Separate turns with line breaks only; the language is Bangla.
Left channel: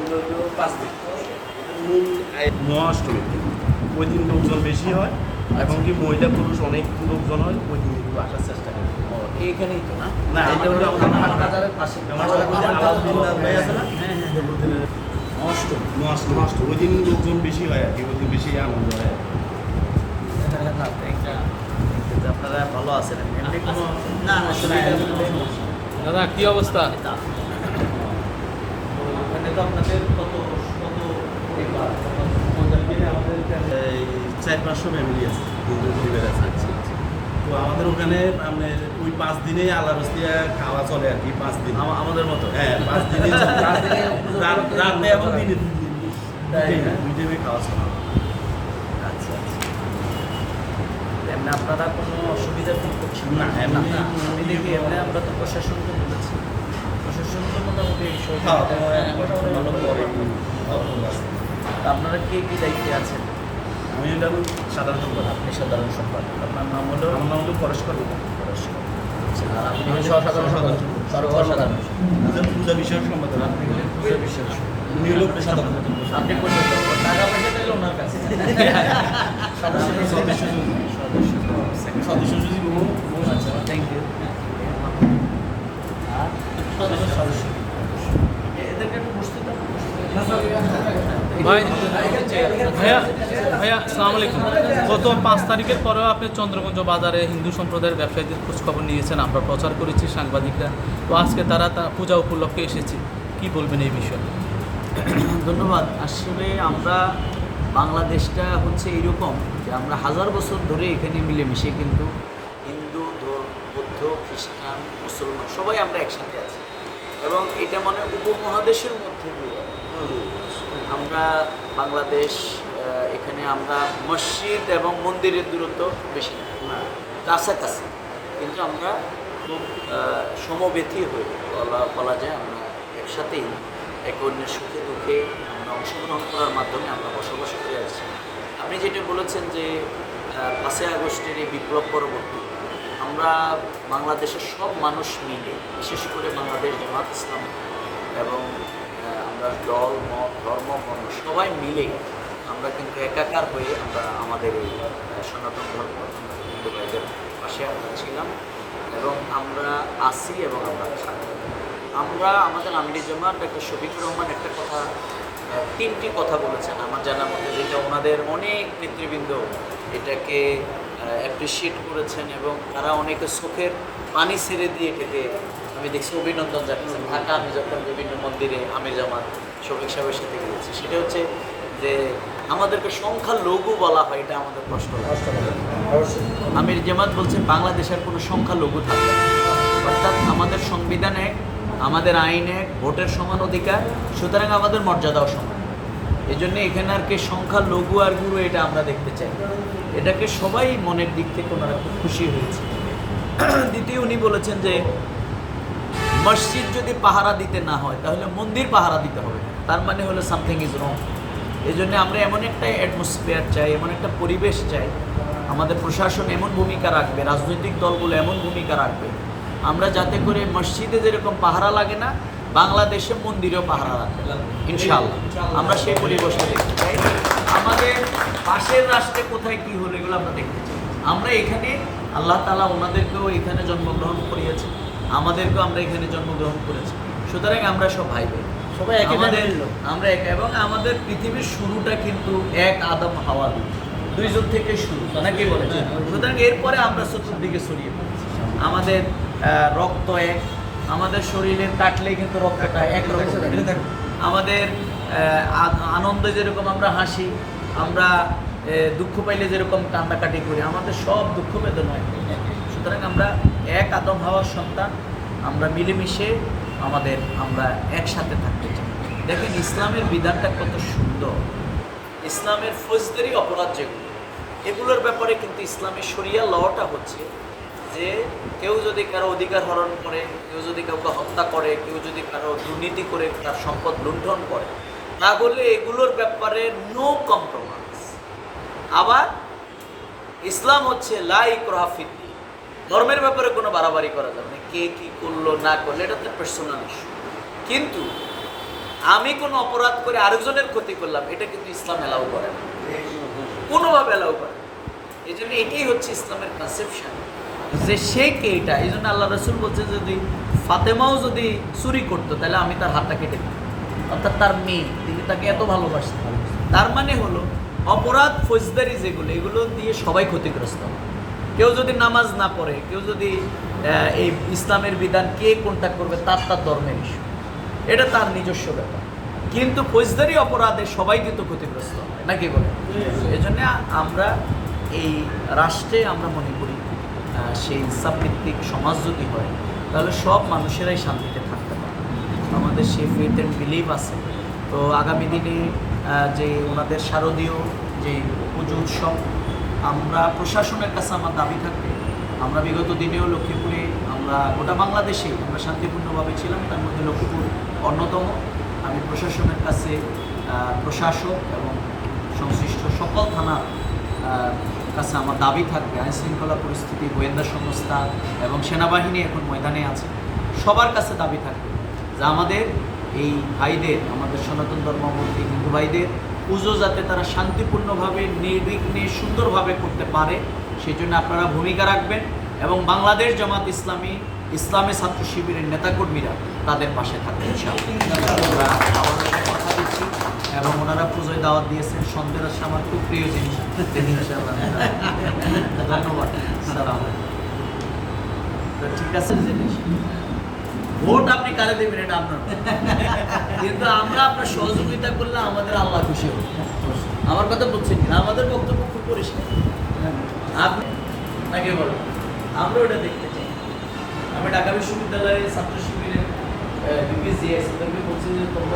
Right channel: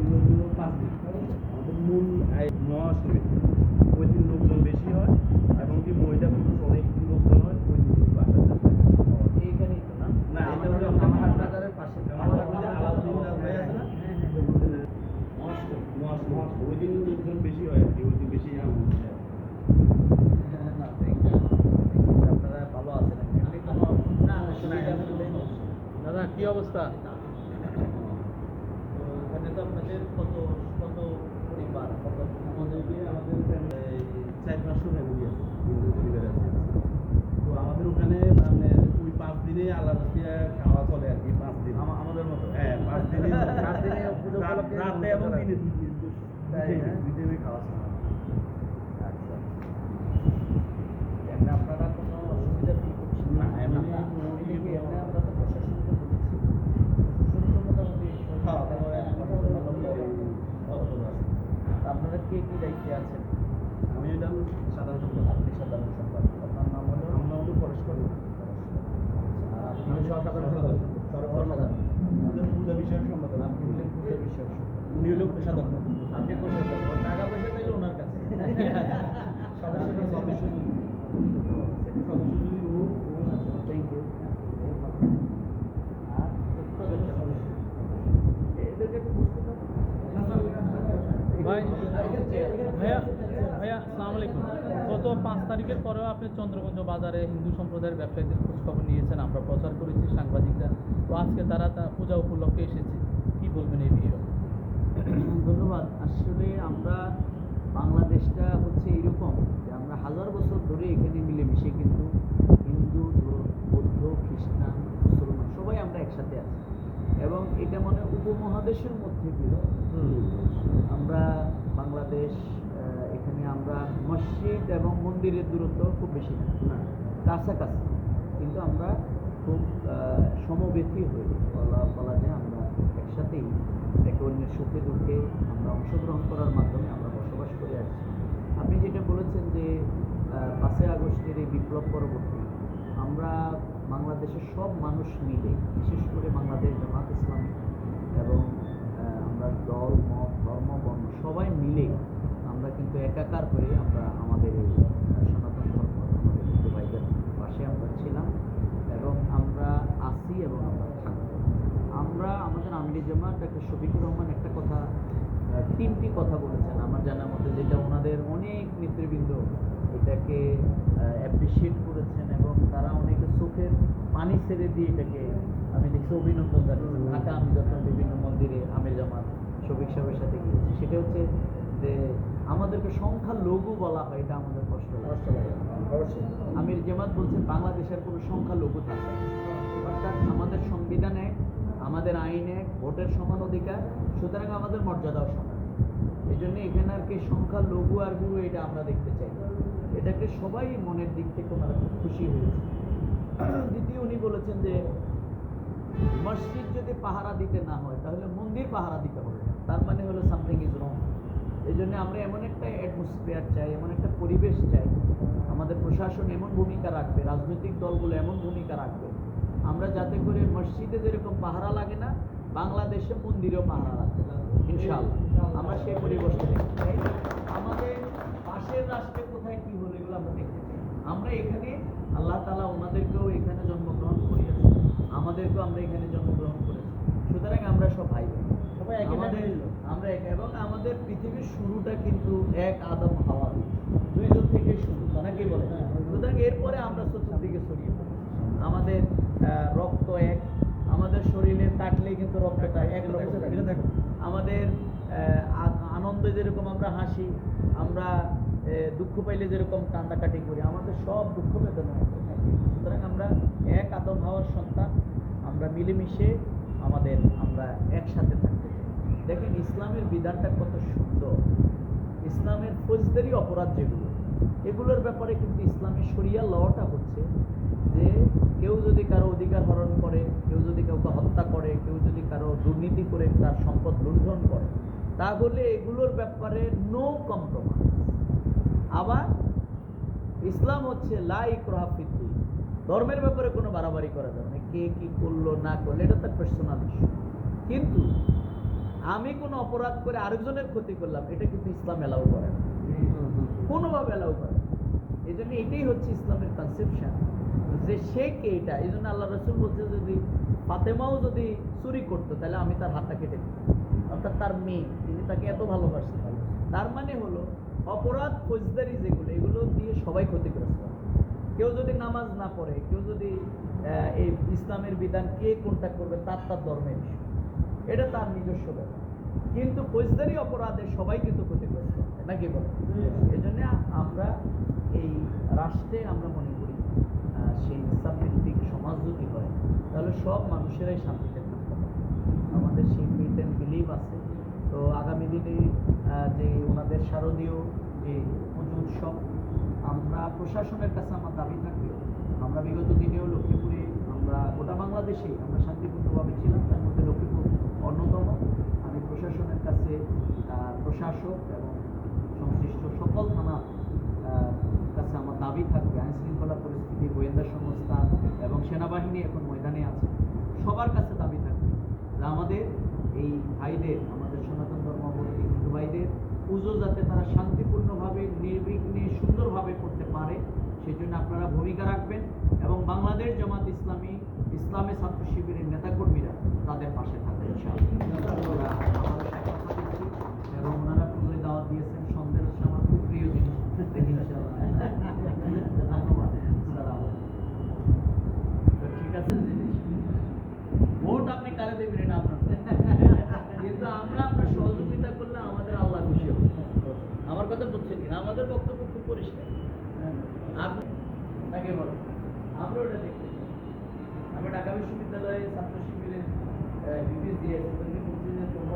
চলবে হলো পাঁচ দিন
মূল মহাষ্টমী ওই দিন লোকজন বেশি হয় এবং কি মহিলা পুরুষ অনেক লোকজন হয় ওই দিন একটু আসার চেষ্টা করি
এইখানেই তো না
না,
এটা হলো বাজারের পাশে
ওই যে আলাউদ্দিন ভাই আছে না?
হ্যাঁ হ্যাঁ অষ্টম
মহাষ্টমী মহাষ্টমী ওই দিন লোকজন বেশি হয় আর কি ওই দিন বেশি আনন্দ হয়
আপনারা ভালো আছেন না না
দাদা কি অবস্থা
আপনাদের কত কত পরিবার,
চার পাঁচশো ফ্যামিলি আছে হিন্দু পরিবার আছে। তো আমাদের ওখানে মানে ওই পাঁচ দিনে আলারস্তিয়া খাওয়া চলে আর কি পাঁচ দিন।
আমাদের মতো।
হ্যাঁ পাঁচ দিনে রাত- এবং দিনে। দুই টাইমে খাওয়া চলে।
আচ্ছা আচ্ছা। আপনারা কোনো অসুবিধা ফিল করছেন
না,
আমরা তো প্রশাসনকে বলেছি প্রশাসন তো মোটামুটি এই সব
খাওয়া
মোটামুটি ভালো করে আপনারা কে কি দায়িত্বে আছেন
আমি এটা সাধারণ সম্পাদক
আপনি সাধারণ সম্পাদক আপনার নাম হলো
আমার নাম হলো পরেশ কর্মী
আপনি সহসাধারণ সম্পাদক সর্বসাধারণ
পূজা বিষয়ক সম্পাদক
আপনি হলেন পূজা বিশ্বাস
উনি হলো সাধারণ
আপনি কোথায় টাকা পয়সা চাইলে ওনার কাছে সদস্য
সদস্য সদস্য
ভাই, ভাইয়া ভাইয়া, আসসালামু আলাইকুম। গত পাঁচ তারিখের পরেও আপনি চন্দ্রগঞ্জ বাজারে হিন্দু সম্প্রদায়ের ব্যবসায়ীদের খোঁজখবর নিয়েছেন। আমরা প্রচার করেছি, সাংবাদিকরা। তো আজকে তারা তা পূজা উপলক্ষে এসেছে। কি বলবেন এই বিষয়ে?
ধন্যবাদ। আসলে আমরা বাংলাদেশটা হচ্ছে এরকম যে আমরা হাজার বছর ধরে এখানে মিলেমিশে কিন্তু হিন্দু বৌদ্ধ, খ্রিস্টান, মুসলমান সবাই আমরা একসাথে আছি। এবং এটা মানে উপমহাদেশের মধ্যে দিয়ে। আমরা বাংলাদেশ এখানে আমরা মসজিদ এবং মন্দিরের দূরত্ব খুব বেশি না। কাছাকাছি। কিন্তু আমরা খুব আহ, সমবেথী হয়ে বলা বলা যায় আমরা একসাথেই। একে অন্যের সুখে দুঃখে আমরা অংশগ্রহণ করার মাধ্যমে আমরা বসবাস করে আসছি। আপনি যেটা বলেছেন যে পাঁচই আগস্টের এই বিপ্লব পরবর্তী আমরা বাংলাদেশের সব মানুষ মিলে, বিশেষ করে বাংলাদেশ জামাত ইসলাম এবং আমরা দল, মত, ধর্ম, বর্ণ সবাই মিলে আমরা কিন্তু একাকার হয়ে আমরা আমাদের এই সনাতন ধর্ম ভাইদের পাশে আমরা ছিলাম এবং আমরা আসি এবং আমরা থাকব আমরা আমাদের আমিরি জামাত ডাক্তার শফিকুর রহমান একটা কথা তিনটি কথা বলেছেন। আমার জানার মধ্যে যেটা ওনাদের অনেক নেতৃবৃন্দ এটাকে অ্যাপ্রিসিয়েট করেছেন এবং তারা অনেকে চোখের পানি ছেড়ে দিয়ে খেতে আমি দেখছি অভিনন্দন জানিয়েছেন। ঢাকা আমি যখন বিভিন্ন মন্দিরে আমি জামাত শফিক সাহেবের সাথে গিয়েছি সেটা হচ্ছে যে আমাদেরকে সংখ্যা লঘু বলা হয় এটা আমাদের কষ্ট আমির জামাত বলছেন বাংলাদেশের কোনো সংখ্যা লঘু থাকবে না। অর্থাৎ আমাদের সংবিধানে আমাদের আইনে ভোটের সমান অধিকার সুতরাং আমাদের মর্যাদাও সমান। এই জন্য এখানে আর কি সংখ্যা লঘু আর গুরু এটা আমরা দেখতে চাই। এটাকে সবাই মনের দিক থেকে ওনারা খুব খুশি হয়েছে। দ্বিতীয় উনি বলেছেন যে, মসজিদ যদি পাহারা দিতে না হয়, তাহলে মন্দির পাহারা দিতে হবে তার মানে হলো সামথিং ইজ রং এই জন্য আমরা এমন একটা অ্যাটমসফিয়ার চাই, এমন একটা পরিবেশ চাই। আমাদের প্রশাসন এমন ভূমিকা রাখবে, রাজনৈতিক দলগুলো এমন ভূমিকা রাখবে। আমরা যাতে করে মসজিদে যেরকম পাহারা লাগে না, বাংলাদেশে মন্দিরেও পাহারা রাখবে ইনশাআল্লাহ। আমরা সেই পরিবেশটা দেখতে চাই। পাশের রাষ্ট্রে কোথায় কি হলো এগুলো আমরা দেখতে চাই। আমরা এখানে আল্লাহ তালা ওনাদেরকেও এখানে জন্মগ্রহণ করিয়েছেন আমাদেরকেও আমরা এখানে জন্মগ্রহণ করেছি। সুতরাং আমরা সব ভাই বোন
সবাই
আমাদের আমরা এক এবং আমাদের পৃথিবীর শুরুটা কিন্তু এক আদম হাওয়া। দুইজন থেকে শুরু নাকি বলে সুতরাং এরপরে আমরা চতুর্দিকে ছড়িয়ে পড়েছি। আমাদের রক্ত এক আমাদের শরীরে কাটলেই কিন্তু রক্তটা এক রকম। আমাদের আনন্দে যেরকম আমরা হাসি আমরা দুঃখ পাইলে যেরকম কান্নাকাটি করি, আমাদের সব দুঃখ বেদনা। সুতরাং আমরা এক আদম হওয়ার সন্তান, আমরা মিলেমিশে আমাদের, আমরা একসাথে থাকতে চাই। দেখেন, ইসলামের বিধানটা কত সুন্দর। ইসলামের ফৌজদারি অপরাধ যেগুলো, এগুলোর ব্যাপারে কিন্তু ইসলামের সরিয়া লটা হচ্ছে যে কেউ যদি কারও অধিকার হরণ করে, কেউ যদি কাউকে হত্যা করে, কেউ যদি কারও দুর্নীতি করে, তার সম্পদ লুণ্ঠন করে, তাহলে এগুলোর ব্যাপারে নো কম্প্রোমাইজ আবার ইসলাম হচ্ছে লাইক রহাফিদ্দি ধর্মের ব্যাপারে কোনো বাড়াবাড়ি করা যাবে না। কে কী করল, না করল, এটা তো পার্সোনাল ইস্যু কিন্তু আমি কোনো অপরাধ করে আরেকজনের ক্ষতি করলাম, এটা কিন্তু ইসলাম অ্যালাউ করে না। কোনোভাবে অ্যালাউ করে না। এই জন্য এটাই হচ্ছে ইসলামের কনসেপশন যে সে কে এটা এই জন্য আল্লাহ রসুল বলছে যদি ফাতেমাও যদি চুরি করতো, তাহলে আমি তার হাতটা কেটে দিতাম। অর্থাৎ তার মেয়ে, তিনি তাকে এত ভালোবাসতেন। তার মানে হলো অপরাধ, ফৌজদারি যেগুলো, এগুলো দিয়ে সবাই ক্ষতিগ্রস্ত। কেউ যদি নামাজ না পড়ে, কেউ যদি এই ইসলামের বিধান কে কোনটা করবে, তার তার ধর্মের ইস্যু এটা তার নিজস্ব ব্যাপার। কিন্তু ফৌজদারি অপরাধে সবাই কিন্তু ক্ষতিগ্রস্ত হয় নাকি বলে? এই জন্য আমরা এই রাষ্ট্রে আমরা মনে করি সেই ইসলামভিত্তিক সমাজ যদি হয়, তাহলে সব মানুষেরাই শান্তিতে থাকতে পারে। আমাদের সেই ফেথ অ্যান্ড বিলিভ আছে। তো আগামী দিনে যে ওনাদের শারদীয় যে পুজো উৎসব, আমরা প্রশাসনের কাছে আমার দাবি থাকবে, আমরা বিগত দিনেও লক্ষ্মীপুরে, আমরা গোটা বাংলাদেশে আমরা শান্তিপূর্ণভাবে ছিলাম, তার মধ্যে লক্ষ্মীপুর অন্যতম। আমি প্রশাসনের কাছে প্রশাসক এবং সংশ্লিষ্ট সকল থানার কাছে আমার দাবি থাকবে আইন শৃঙ্খলা পরিস্থিতি, গোয়েন্দা সংস্থা এবং সেনাবাহিনী এখন ময়দানে আছে, সবার কাছে দাবি থাকবে যে আমাদের এই ভাইদের, আমাদের সনাতন ধর্মাবলম্বী হিন্দু ভাইদের, পুজো যাতে তারা শান্তিপূর্ণভাবে, নির্বিঘ্নে, সুন্দরভাবে করতে পারে সেই জন্য আপনারা ভূমিকা রাখবেন এবং বাংলাদেশ জামাত ইসলামী ইসলামী ছাত্র শিবিরের নেতাকর্মীরা তাদের পাশে থাকবে ইনশাআল্লাহ। আমরা আবারও সে কথা দিচ্ছি এবং ওনারা পুজোয় দাওয়াত দিয়েছেন, সন্ধ্যের আমার খুব প্রিয় জিনিস। ধন্যবাদ। ঠিক আছে, জিনিস? ভোট আপনি কারে দেবেন এটা আপনার কিন্তু আমরা আপনার সহযোগিতা করলে আমাদের আল্লাহ খুশি হবে আমার কথা বলছেন কিনা? আমাদের বক্তব্য খুব পরিষ্কার। আপনি তাকে বলো। আমরা ওটা দেখতে চাই। আমি ঢাকা বিশ্ববিদ্যালয়ে ছাত্র শিবিরে তাদেরকে বলছি যে তোমরা